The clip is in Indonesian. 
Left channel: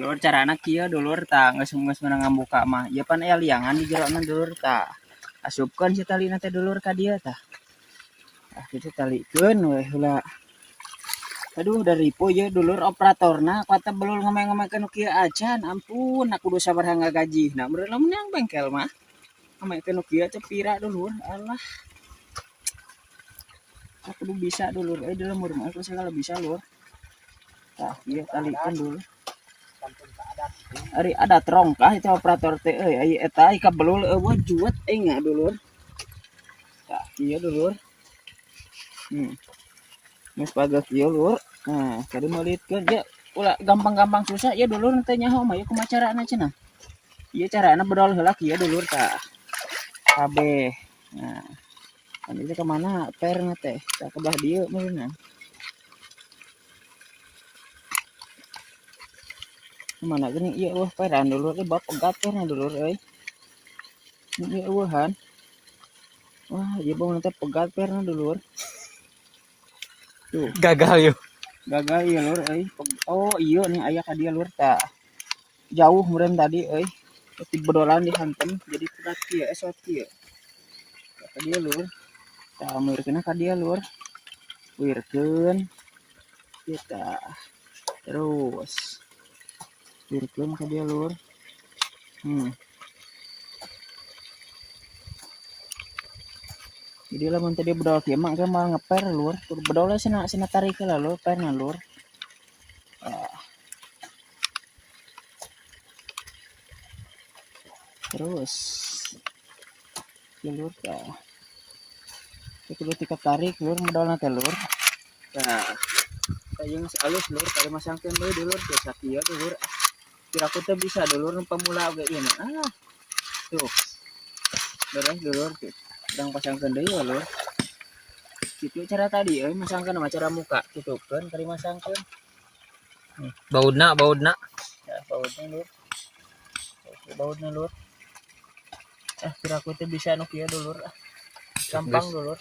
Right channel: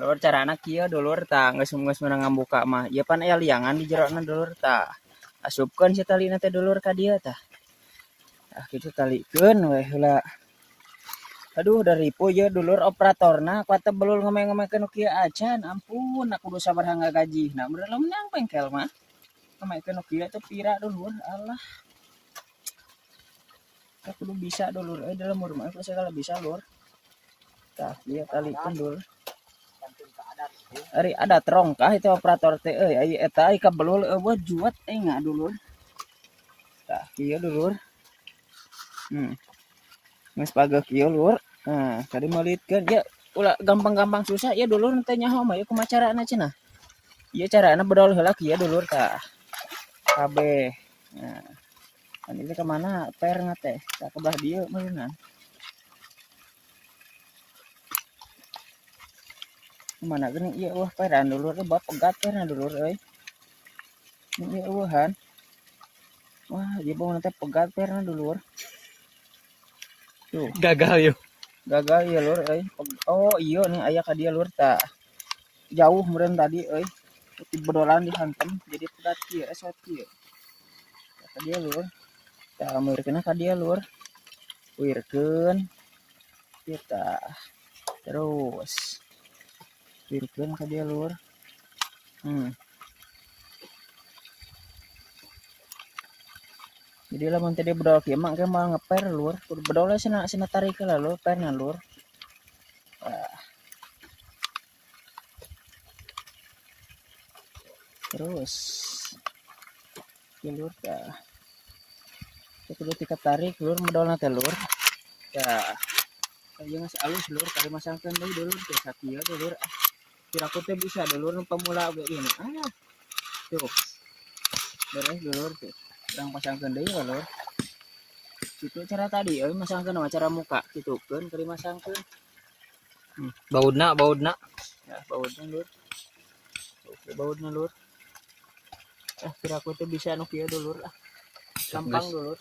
Lur carana kieu dulur tah geus meunang buka mah. Ieu pan aya liangan di jerona dulur tah. Asupkeun si talina teh dulur ka dieu tah. Tah kitu talikeun we heula. Aduh dari ripuh ya dulur operatorna kuata belul ngomong-ngomongkeun kieu acan. Ampun aku kudu sabaraha ngagajihna. Beureuh menang bengkel mah. Ngomongkeun kieu teh pira dulur. Alah. Aku kudu bisa dulur. Da lemur mah aku segala bisa lur. Tah ieu talikeun dulur. Ari adat rongkah itu operator teh euy eta ai kabelul eueuh juet enga dulur. Tah ieu dulur. Geus pageuh kieu lur. Nah, kadi meulitkeun ya ulah gampang-gampang susah ya dulur teh nyaho mah ya kumaha carana cenah. Ieu carana bedol heula kieu dulur tah. Kabeh. Nah. Ini ke mana perna teh? Tah kebelah dieu meureunna. Mana geuning ieu eueuh peran dulur teh bab pegat perna dulur euy. Ieu eueuhan. Wah, ieu bau teh pegat perna dulur. Tuh. Gagal yuk. Gagal ieu lur euy. Oh, ieu nih aya ka dieu lur tah. Jauh meureun tadi euy. Ti bedolan dihantem jadi pegat kieu esot kieu. Ka dieu lur. Tah meurkeunna ka dieu lur. Wirkeun. Kita terus wirkeun ka dieu lur. Jadi lamun tadi bedol kieu mah engke mah ngeper lur. Kudu bedol cenah tarik heula lur perna lur. Terus lur tah. Kudu ditarik lur modalna teh lur. Tah. Tah geus alus lur kali masangkeun deui dulur teh sakieu dulur. Kira-aku teh bisa dulur nu pamula oge ieu mah. Tuh. Beres dulur teh. Yang pasangkeun deui ya lur. Kitu cara tadi euy masangkeun mah cara muka kitukeun kali masangkeun. Baudna. Ya, baudna lur. Baudna lur. Kira-aku teh bisa nu kieu dulur. Gampang dulur.